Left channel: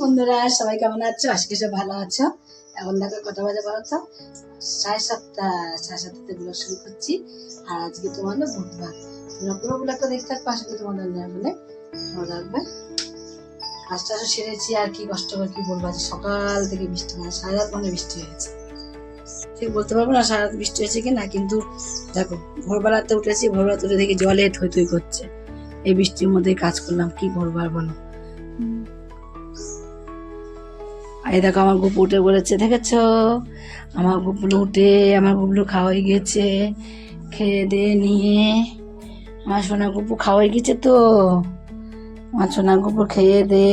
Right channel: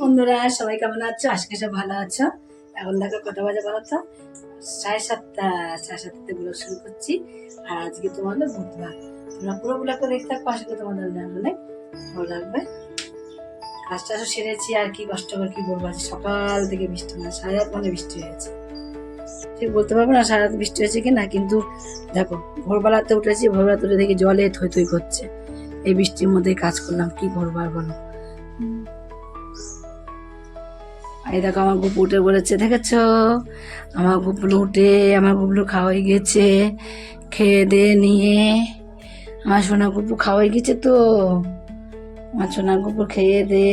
বন্ধুরা সবাই কেমন আছো? আজকে সব ভালো আছো? এখন দেখো কটা বাজে বলো তো? 7:30। 7:30তে ব্লগ শুরু করছি। আর আজকে তোমাদের বুধবার। তোমরা পুরো ব্লগটা দেখতে থাকো, আশা করি তোমাদের অনেক ভালো লাগবে। কাজটা সেরেছি আর কি কষ্ট করে কি বলবো, আজ সকাল থেকে বৃষ্টি, মানে সারা রাত মানে বৃষ্টি হয়েছে। ঠিক বলতে পারবো না সারা রাত বৃষ্টি হয়েছে কি না, কিন্তু দেখো ভোরবেলাতে উঠেছি, ভোরবেলাতে উঠে দেখি জলে থই থই করছে। এই বৃষ্টির মধ্যেই কাজ করলাম, কি ভোরবার বলো। এই দেখো আমার গুপু উঠে বলেছে, দেখেছ আমার গুপলু উঠে, আমার গুপলু খাওয়াই গেছে, খেয়ে দিয়ে নিয়ে আমার সোনা গুপু খাওয়াই গেছে। তো আমার সোনা গুপু খেয়ে দে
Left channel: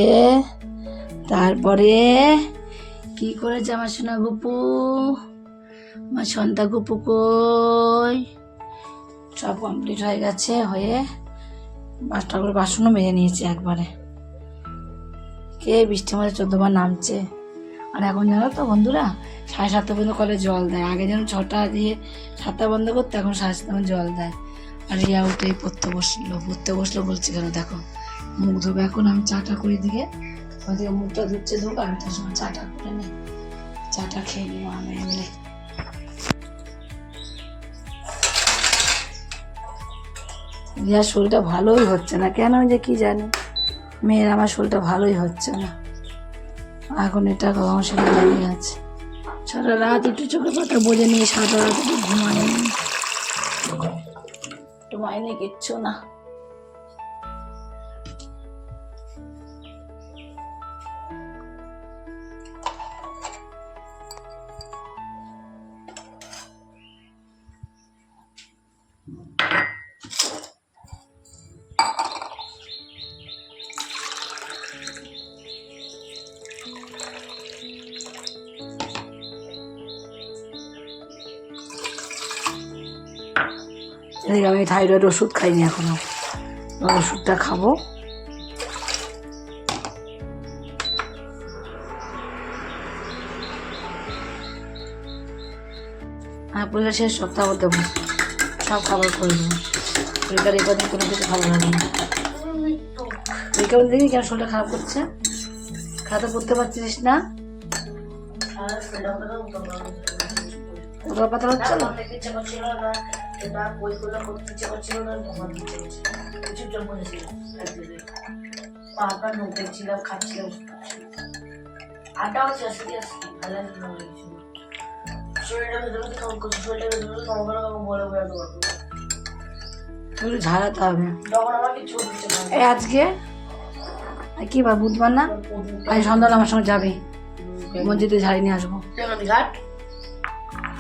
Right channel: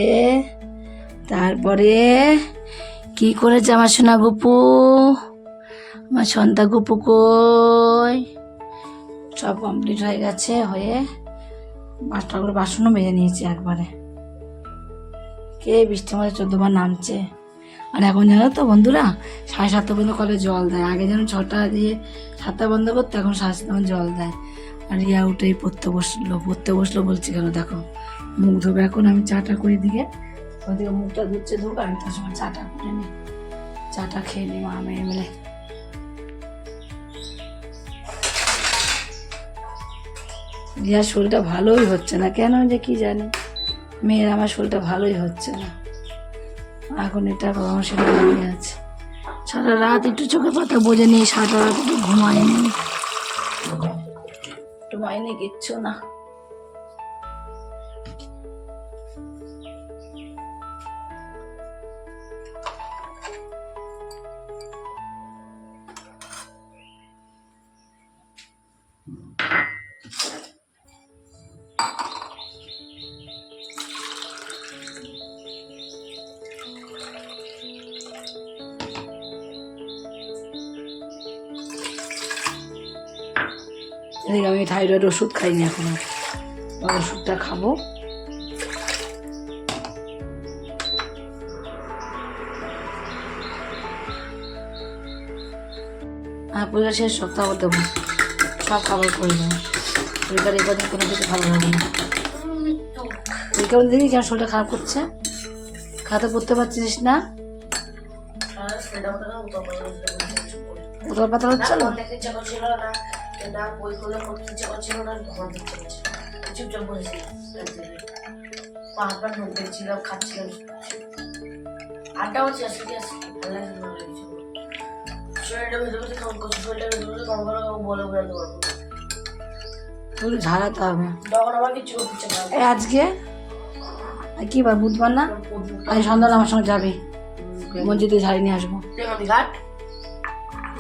তারপরে কি করেছে আমার সোনা গুপু, আমার সন্তা গুপু কই, সব কমপ্লিট হয়ে গেছে। হয়ে 5টা করে বাসনও মেজে নিয়েছে একবারে। কে বৃষ্টির মধ্যে 14বার নামছে। আর এখন জানো তো বন্ধুরা, 7:30 পর্যন্ত কলে জল দেয়। আগে যেন 6টা দিয়ে 7টা বন্ধ করতো, এখন 7:30 জল দেয়। আর ইয়া উঠে পড়তে বসলো বলছি কেন, দেখো মুখ ধোবে এখন। আমি চাটা করে দিকে ওইদিকে মুখটা ধুচ্ছে, ধোক, আমি তার সময় চাটা করে নিই, চাটা খেয়ে নিই মা মেয়ে মিলে। রিয়ার শরীরটা ভালোই হচ্ছে না, কেন যে কি জানি, মেয়ের আমার শরীরটা ভালোই হচ্ছে না। এখন এটা কখন সেটা দাঁড়িয়ে আছে। সারা রাত একটু চোখে পাতা বোঝে নি, সারা রাত একটু ঘুমায়নি কিচ্ছু না। এদিকে আমি থাইরয়েড ওষুধ খাইনি এখনো, ওষুধটা খাবো। পরীক্ষা শেষ সপ্তাহ দেবো, সব খাবার করে দেবো। পরীক্ষার এই কদিন কোনো কিছু ভালো লাগে না। পরীক্ষা দেখি কেন শরীরটা খারাপ করছে, খাতা পড়তে পারছিস না, কোথাও পাতা হচ্ছে না। ঝাড়াতে হবে আজকে। কি বার, বুধবার না? আজ সন্ধ্যা আমার সঙ্গে যাবে মসজিদে, ঝাড়ি নিয়ে আসবো।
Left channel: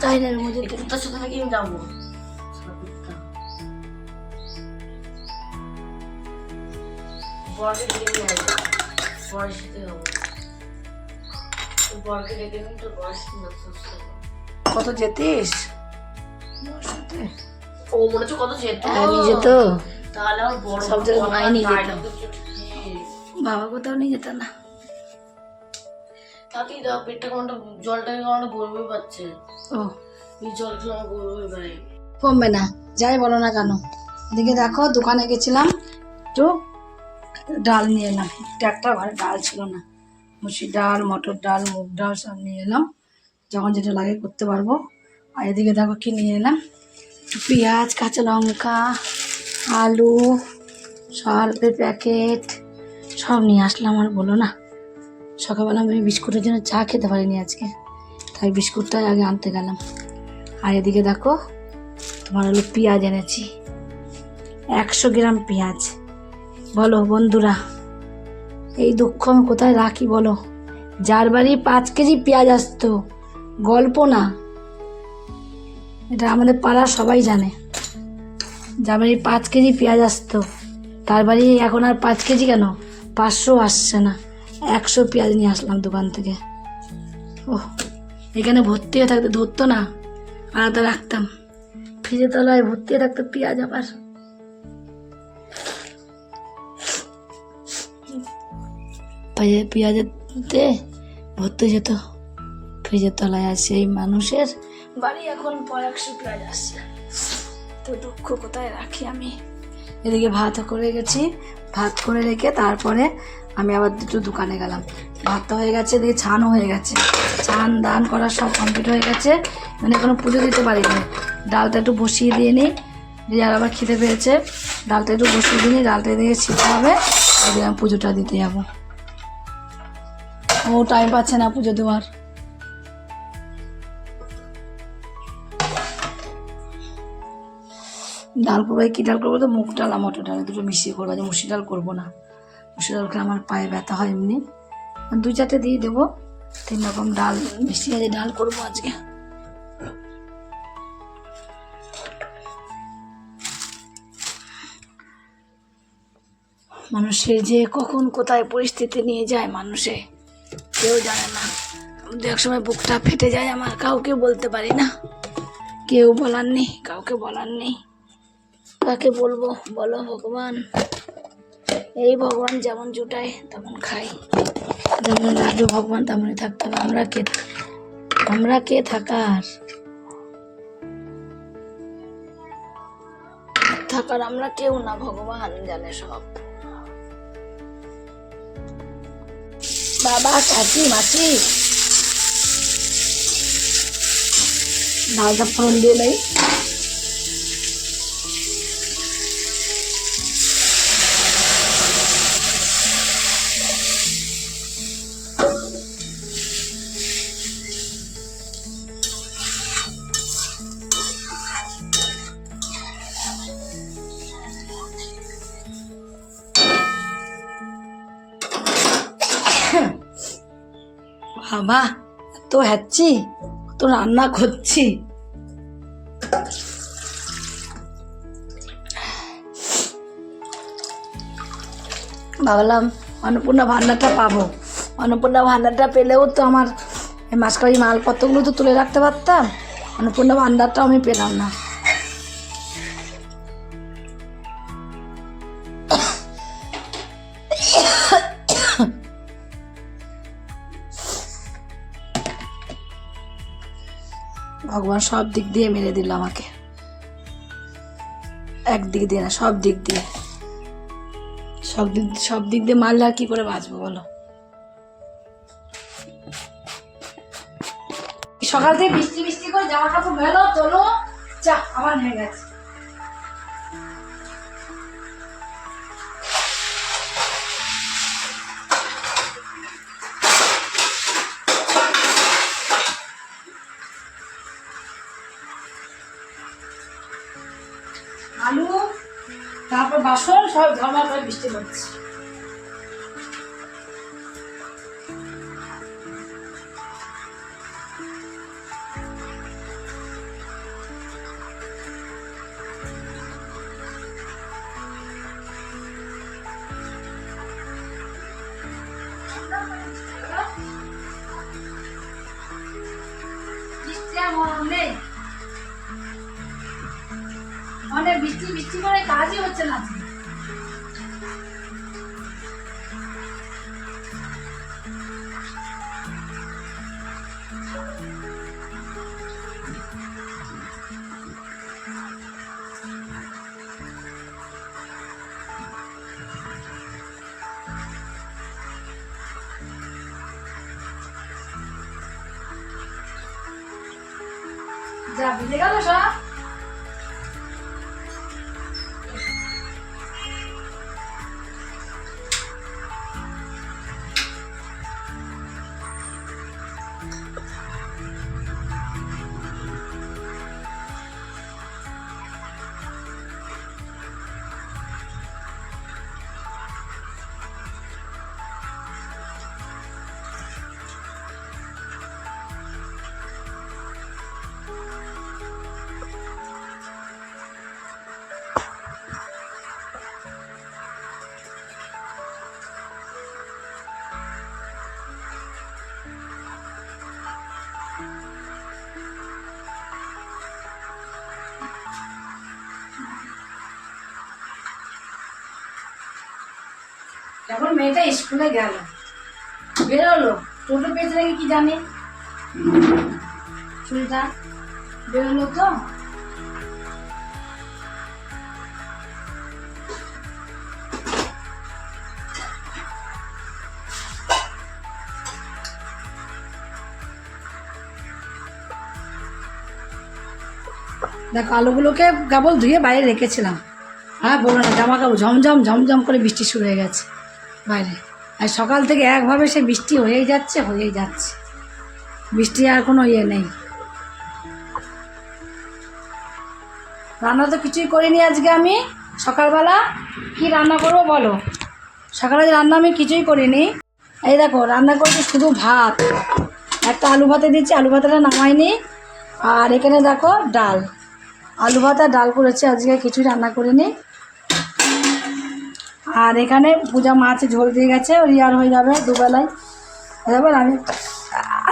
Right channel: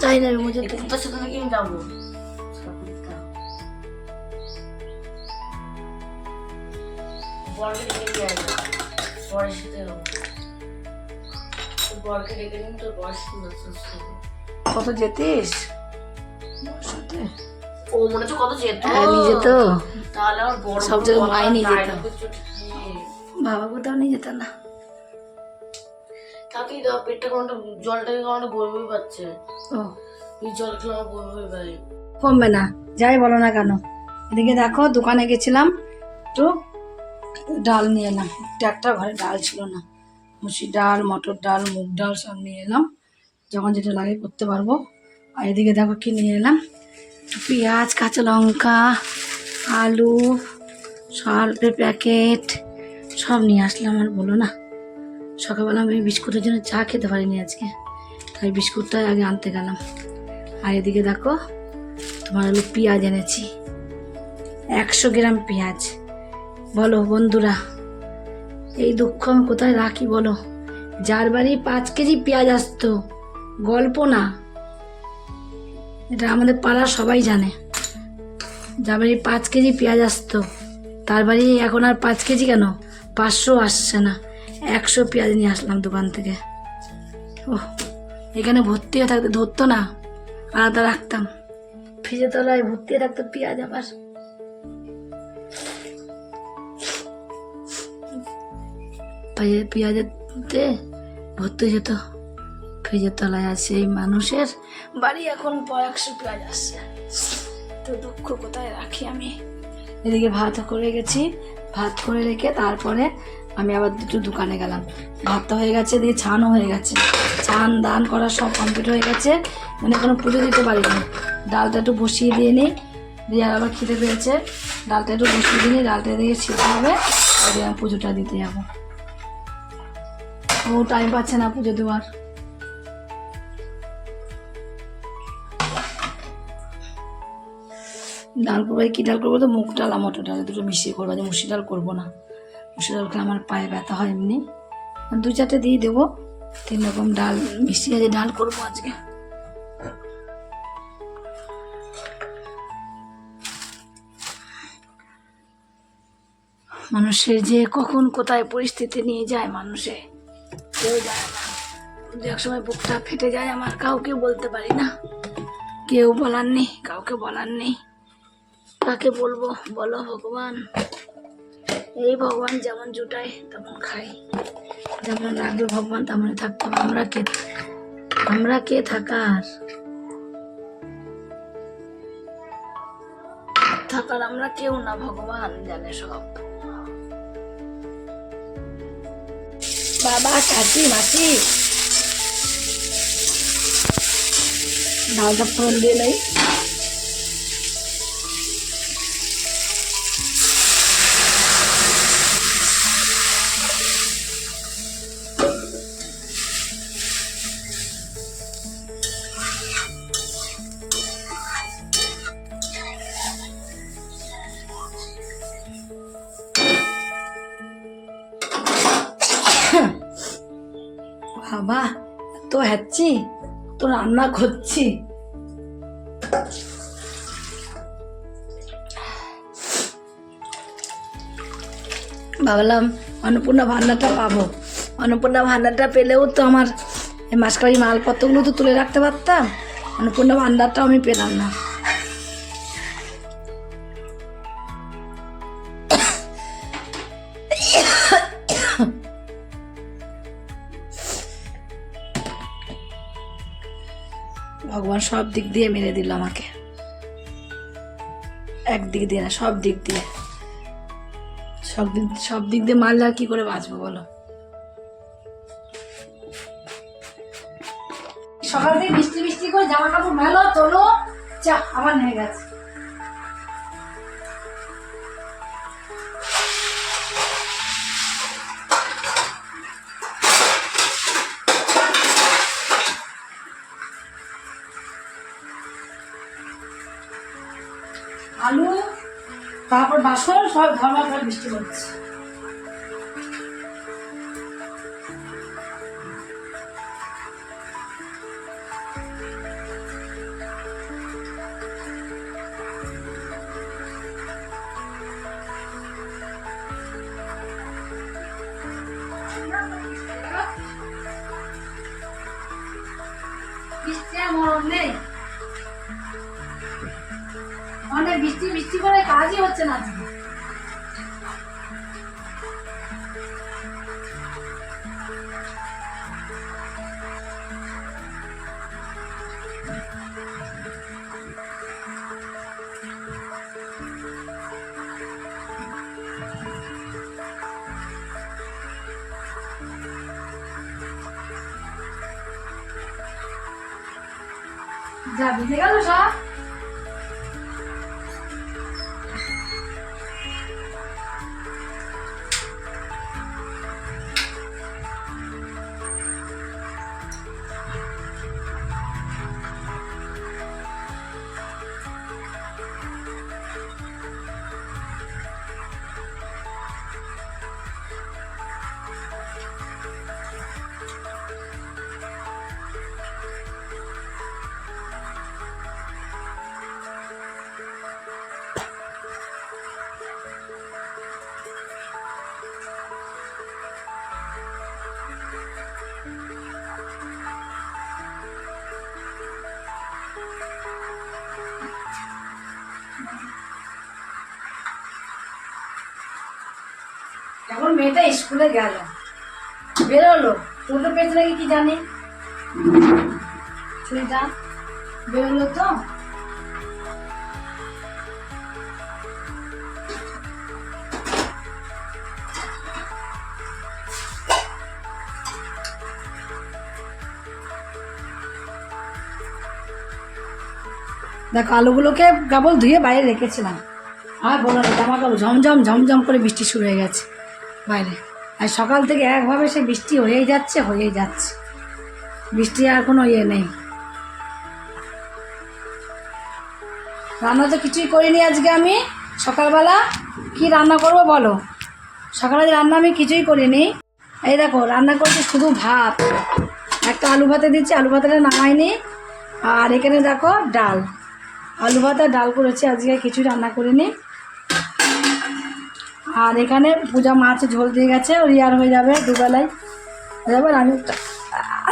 তাই না, মসজিদে তোর সাথে নাকি আমি যাবো। কত যেতিস ও মনে হচ্ছে, কত যেত নিয়ে যেত, তাহলে আমার বড় সব জায়গায় মাই নিয়ে যেত, বাবা কোথাও নিয়ে যেত না। তাতেই তো পেটটা কেমনটা, জলটাকে কেমনটা বই বই পাচ্ছে। ও জল খেলে আমার বই বই পাই, কমবে না যাই বলো না কেন। এদিকে দেখো দোকানে গেছিলাম, একটু ডাল নিয়ে এলাম। একটা ঘরে ডাল ছিল না, মুসুর ডাল, মটর ডাল, মুগ ডাল সব নিয়ে এলাম, যখন যেটা লাগে করতে পারবো। আর এদিকে দেখো কি নিয়ে এলাম, পেঁয়াজ, কাঁচা লঙ্কা, আলু, সল্পের প্যাকেট সব নিয়ে আসলাম। আর বলো না, সকালবেলা আমি বিস্কুটের জন্য চা খেতে পারিনি আজকে, তাই বিস্কুটটাই আগে আনতে গেলাম। আর এদিকে দেখো তোমার হলো পেঁয়াজ এনেছি, 100 গ্রাম পেঁয়াজ। বলো বন্ধুরা, এই দুঃখ আমি কোথায় রাখি বলো। যার বাড়ি 5 কেজি পেঁয়াজ আসতো, গল্প না, এটা আমাদের পাড়ার সবাই জানে। যার বাড়ি 5 কেজি পেঁয়াজ আসতো, তার বাড়ি এখন আর 5 কেজি কেন 500 আসছে না। 100 পেঁয়াজ নিয়ে আসলাম দোকান থেকে। ওহ, এখানে ভর্তি হয়ে থাকতে ধরতো না, আলাদা রাখতাম, ফ্রিজের তলায় ভর্তি হয়ে থাকতো পেঁয়াজ। আবার পেঁয়াজেতে ভর্তি যেত ফ্রিজের তলায়। আর সেই মানুষের বাড়ি এখন 100 পেঁয়াজ আসছে, তো দুঃখ কোথায় রাখি আমি। এদিকে ভাত করে গেছি, ভাত করে রেখে তারপরে আমি আবার দুটো দোকানে গেলাম। ভাতটা হয়ে গেছে, দিয়ে ছানও হয়ে গেছে, ছান দান করা সব কমপ্লিট হয়ে গেছে, মানে এখনো পুজো দিতে পারিনি। ডালটা একটু বসিয়ে দিয়ে নিই, রিয়ার আবার খিদে পেয়েছে, ডালটা একটু বসিয়ে দিয়ে নিই, ডালটা দিয়ে ছিটতে হবে, আর আমি পুজোটা দিতে যাবো। ও টাইম পাচ্ছে না পুজো দেওয়ার। ডাল করবো, কী ডাল করবো, তো মুগ ডাল আর মটর ডাল দুটো মিশিয়ে করবো, যে মুসি ডাল করবো না। মুসি ডাল খেলে আমার পায়ে ব্যথা হয় এমনি। 2-4টে দিয়ে দেবো, 3 রকম ডাল মিশিয়ে যে ডাল করবো আজকে। মানুষের যে কখন কোথায় পরিস্থিতি নিয়ে যায় মানুষে কেউ জানে না। এক সময় বুকটা ফেটে যায় আমার, কাউকে বলতে পারি না, কেউ বলার নেই, কাউকে বলার নেই, কাকে বলবো বলো ভগবান। এই ভগবান যেমন জুটায় তেমন খাই, যেমন রাখবে ভগবান তেমনই থাকতে হবে। আমরা কে থাকার আমরা কেউ না, ভগবান জানে সব। বাবা, কাকি, মাসি, ডালটা ফোড়ন দিয়ে নেই। বাবা, এত হ্যাচ্ছি, তো রান্না করছি। ভাবলাম অন্নপূর্ণা ভান্ডারটা পাবো, অন্নপূর্ণা ভান্ডারটা পেলেও তো আমার এই মাসকারি মালপত্রগুলো তো তুলে রাখতে পারতাম, অন্নপূর্ণা ভান্ডারটাও আমি পেলাম না। ভগবান সব দিক দিয়ে মেরে দিল আমাকে, একদিক দিয়ে না, সব দিক দিয়ে, সব দিক দিয়ে মারলে আর কি করে বাঁচবো বলো। সকাল থেকে বৃষ্টি বৃষ্টি করে জামা কাপড় মেলো তোলো, চা আবার নেমে গেছে। আলু, তারপর বাসন সব ধর্মা করে বৃষ্টি হচ্ছে। বৃষ্টি আর মরণ নেই, অনেক বৃষ্টি বৃষ্টি করে কাজই হচ্ছে না আজকে। যা ভিজে গেল সব। এখন মেয়েটা স্কুলে গেল, বেরোলো, টোটো পেয়েছে নাকি কি জানি, ছুরিটা বেরোলো তো। দেখো আলুগুলোকে কেবল ধুয়ে বাইরে রেখেছিলাম। হ্যাঁ বলো না, জামা কাপড় ঝমঝম ঝমঝম করে বৃষ্টি শুরু হয়ে গেছে বাইরে। আর সকাল থেকে একভাবে সেই বৃষ্টি হয়েই যাচ্ছে। বৃষ্টি আর কোনো ইয়ে নেই। রান্না তো কিছুই করিনি আজকে আমি। সকালবেলা কি রান্না করবো বলো? সকালে রান্না আমি কিছুই করিনি। এই দেখো রান্না করছি শুধু ভাত, একটা আলু ভাতে দিচ্ছি, আলু ভাতাটা নামাইনি। আর এখানে দেখো ডাল, আলু ভাত আর ডাল করেছি আজকে, কিছুই রান্না করিনি। আর এখানে পূজা মাছ ঝোল দিয়ে গেছে, ওই আর হয়ে যাবে দুবেলায় হয়ে যাবে। আমি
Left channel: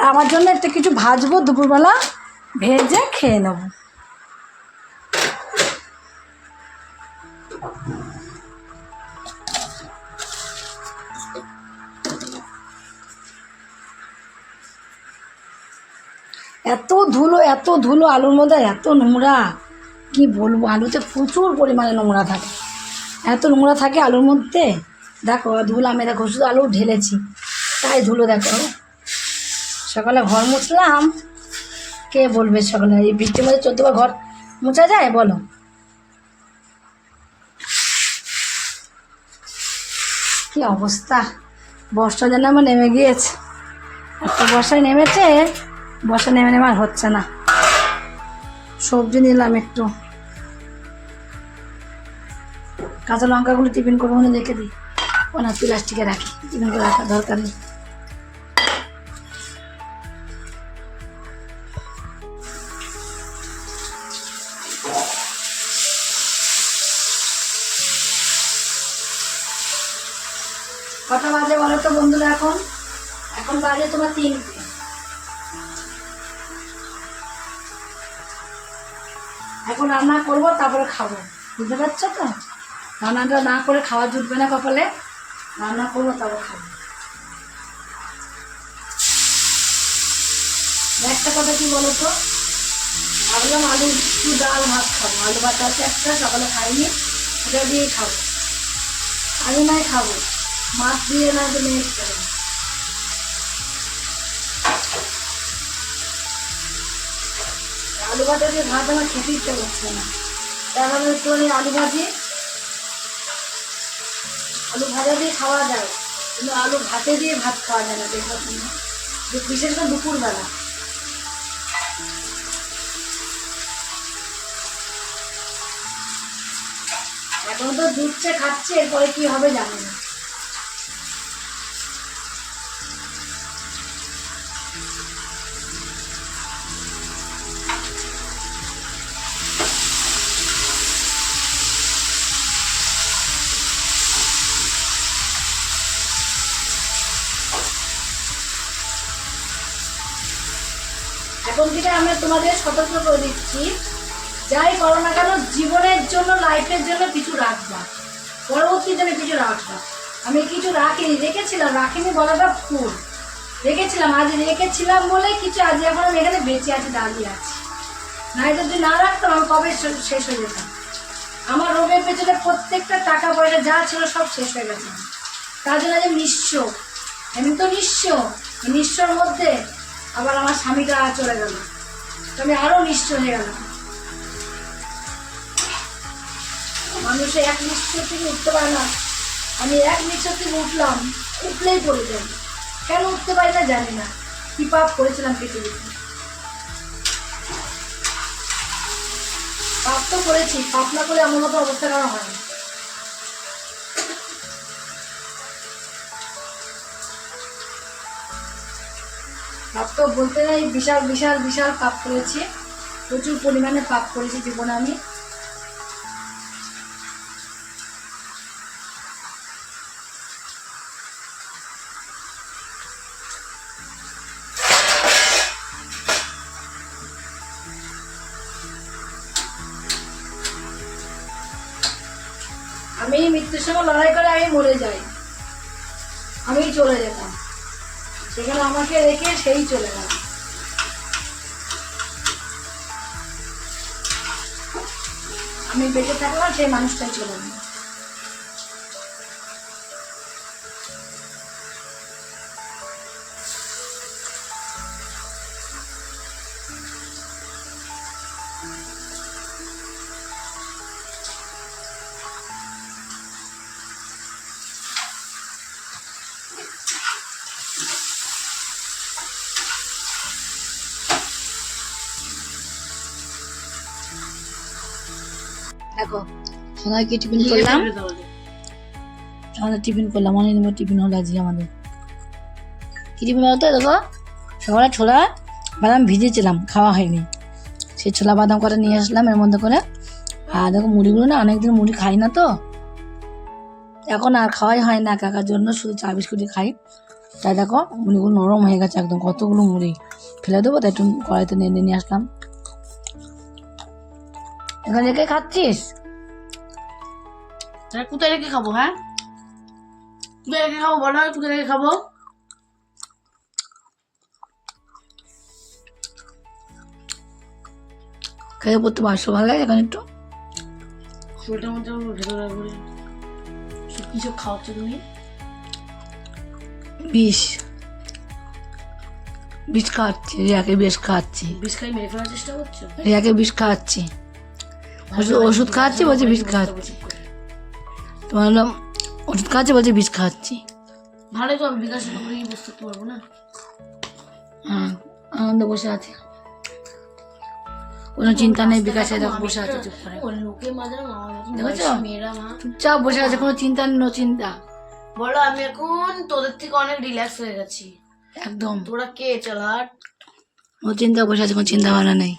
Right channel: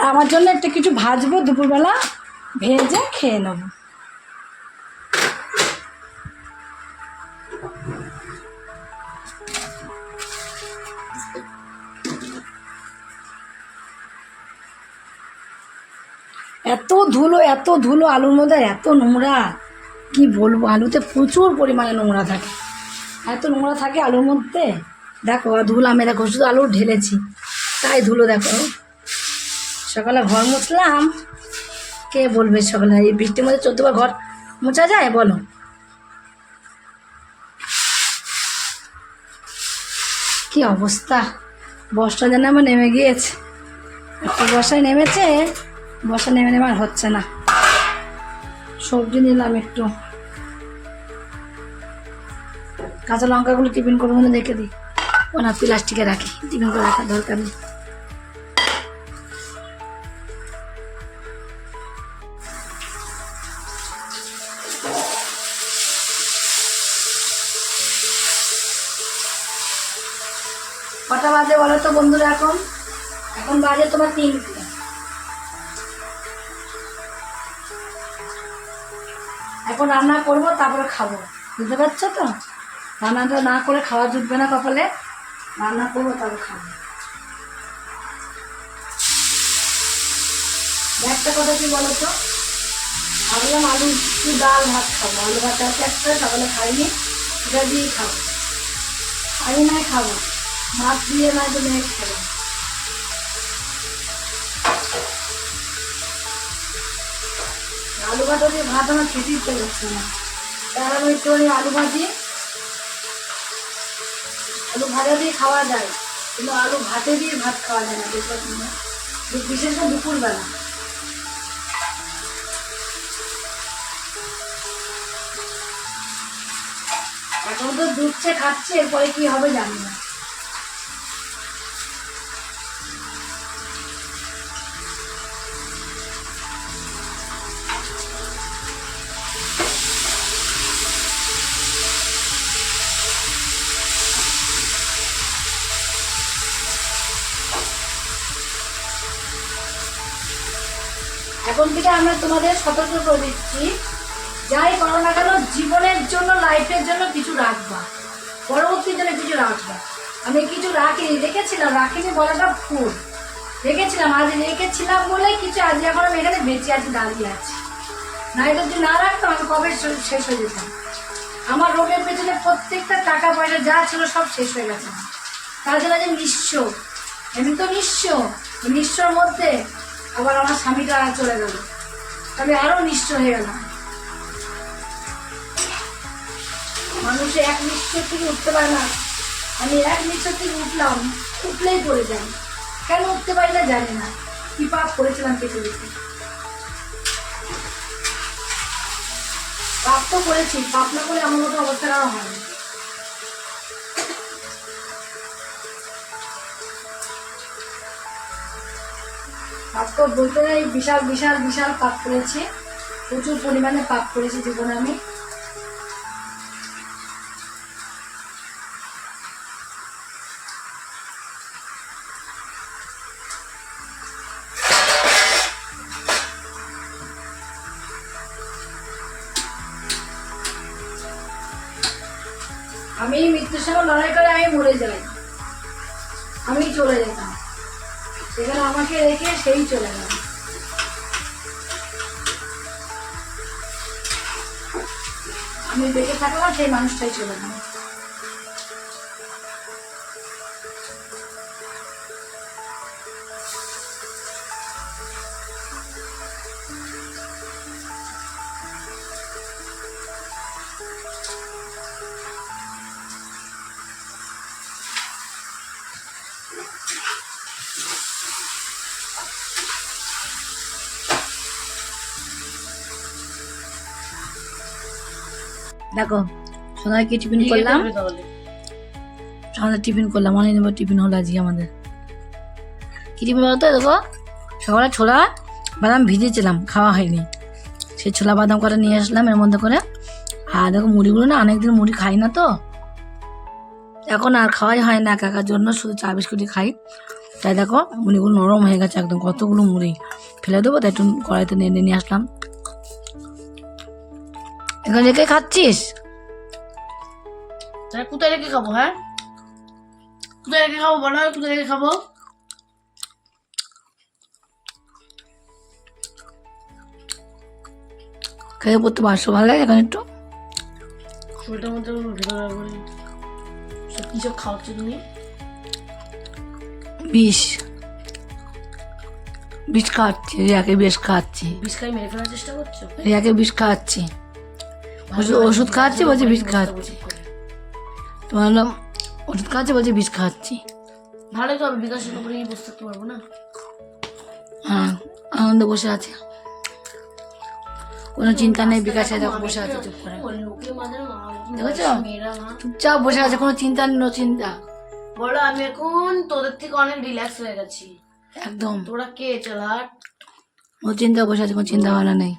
আমার জন্য একটা কিছু ভাজবো দুপুরবেলা, ভেজে খেয়ে নেব। এত ধুলো আলুর মধ্যে, এত নোংরা কি বলবো। আলুতে প্রচুর পরিমাণে নোংরা থাকে, এত নোংরা থাকে আলুর মধ্যে। দেখো ধুলো, আমি দেখো শুধু আলু ঢেলেছি তাই ধুলো। দেখো সকালে ঘর মুছলাম, কে বলবে সকালে এই বৃষ্টির মধ্যে 14বার ঘর মোছা যায় বলো? কি অবস্থা, বর্ষা যেন আমার নেমে গিয়েছে। এত বর্ষায় নেমেছে, বর্ষা নেমে আর হচ্ছে না। সবজি নিলাম একটু, কাঁচা লঙ্কাগুলো টিফিন করে মধ্যে রেখে দিই। ও না, প্লাস্টিকে রাখি, টিফিন করে রাখার দরকার নেই। কটা বাজে বলো তো বন্ধুরা? এখন বাজে তোমার 3টে। এখন রান্না করবো, তারপরে খাবো, বুঝতে পারছো তো? রান্নাটা না করে খাওয়া জুটবে না কপালে। রান্না করবো তারপর খাবো। একটা কথা কি বলো তো, ভাবলাম আলু কি ডাল ভাত খাবো, আলু ভাত আছে একটা, সকালে খাইনি, ওটা দিয়েই খাবো। আমি নাই খাবো, মাছ দিয়ে নাই তো মেয়ে খেলাম। আলু ভাতা দিয়ে ভাত আমার খেতে ইচ্ছে করছে না, তাহলে একটুখানি আলু ভাজা দিয়ে খাওয়া যায়, কিন্তু আলু ভাতে দিয়ে ভাত খাওয়া যায় না, দেখবো তোমরা, বিশেষ করে দুপুরবেলা। এখন তো দুধছে খাচ্ছে, এরপরে কি হবে জানি না। এখন থেকে আমরা তোমাদের সতর্ক করে দিচ্ছি, যাই করো না কেন জীবনের জন্য, লাইফের জন্য কিছু রাখবা, পরবর্তীর জন্য কিছু রাখবা। আমি কিছু রাখিনি বলাটা ভুল, রেখেছিলাম, আজ রেখেছিলাম বলে কিছু, আজ এখন আমি এখানে বেঁচে আছি, দাঁড়িয়ে আছি। না এটা যদি না রাখতাম আমি কবে শেষ হয়ে যেতাম। আমার রোগের পেছনে প্রত্যেকটা টাকা পয়সা যা ছিল সব শেষ হয়ে গেছে। তার জন্য যে নিঃস্ব, এমনি তো নিঃস্বর মধ্যে আবার আমার স্বামীটা চলে গেল, আমি আরও নিঃস্ব হয়ে গেলাম। মানুষে এক নিঃস্ব থেকে উঠতে পারে না, আমি এক নিঃস্ব থেকে উঠলাম, উঠলেই পড়ে যাই। কেন উঠতে পারি না জানি না, কি পাপ করেছিলাম পৃথিবীতে। পাপ তো করেছি, পাপ না করলে আমার মতো অবস্থা কেন হয়নি। পাপ তো বলতে নেই, বিশাল বিশাল বিশাল পাপ করেছি, প্রচুর পরিমাণে পাপ করেছি জীবনে আমি। আমি মৃত্যুর সঙ্গে লড়াই করে আমি মরে যাই, আমি চলে যেতাম, সেখানে আমাকে রেখে সেই চলে গেল। আমি বেঁচে থাকলাম, সেই মানুষটাই চলে গেল। দেখো সন্ধ্যায় কি টিফিন করলাম, সন্ধ্যায় টিফিন করলাম, অনেক দিন পর টিফিন হলো আজকে আমাদের। কি টিফিন বলতো, দেখো সকালে ছোলা বাদাম ভিজেছিলাম, খাওয়া হয়নি, সেই ছোলা বাদাম কটা নিয়ে আসলাম এর মধ্যে করে। আর দেখো মুড়িগুলো না, অনেকদিন মুড়ি খাই না তো, এখন আর খাওয়াই হয় না কাকার জন্য, শুধু চা বিস্কুটই খাই। তাই দেখো মুড়িগুলো নরম হয়ে গেছে একদম, কতগুলো মুড়ি ফেলে দেবো, তাই একটু কড়াইতে নিয়ে আসলাম। এখন রেখে খাচ্ছিস? কোথায় রেখে খাবো? হ্যাঁ কোথায় রেখে খাবো বলো, কোথায় রেখে খাবো? খেয়ে পড়তে পারছো, ভালো লাগে এখন একটু শরীরটার মধ্যে ভেতরে করে সব কি সব খাওয়াচ্ছ তুমি? বিষ খাওয়াচ্ছি, রিয়াকে বিষ খাওয়াচ্ছি। বিষ খাই মেরে ফেলার চেষ্টা করছো? রিয়াকে বিষ খাওয়াচ্ছি, ওষুধ খাওয়াচ্ছি, বলছে বিষ খাওয়াচ্ছি। তোমার ওষুধ খাওয়াচ্ছি, বলছে বিষ খাওয়াচ্ছি। ভালোই তো হবে, বিকাশের উপরে বসে থাকতে পারবো না। হ্যাঁ আনন্দ বসে আছে, কোনো চিন্তা নেই, বিকাশে দেখো বসে আছে চুপ করে, দেখেছো চুপচাপ বসে আছে, কোনো চিন্তা নেই, নো চিন্তা। বলো আমি এখন তোদের থেকে অনেক রিল্যাক্স হয়ে গেছি একদম, তোরা কে চালাট, ও চিন্তা বসে আছে, কোনো চিন্তা ভাবনা নেই।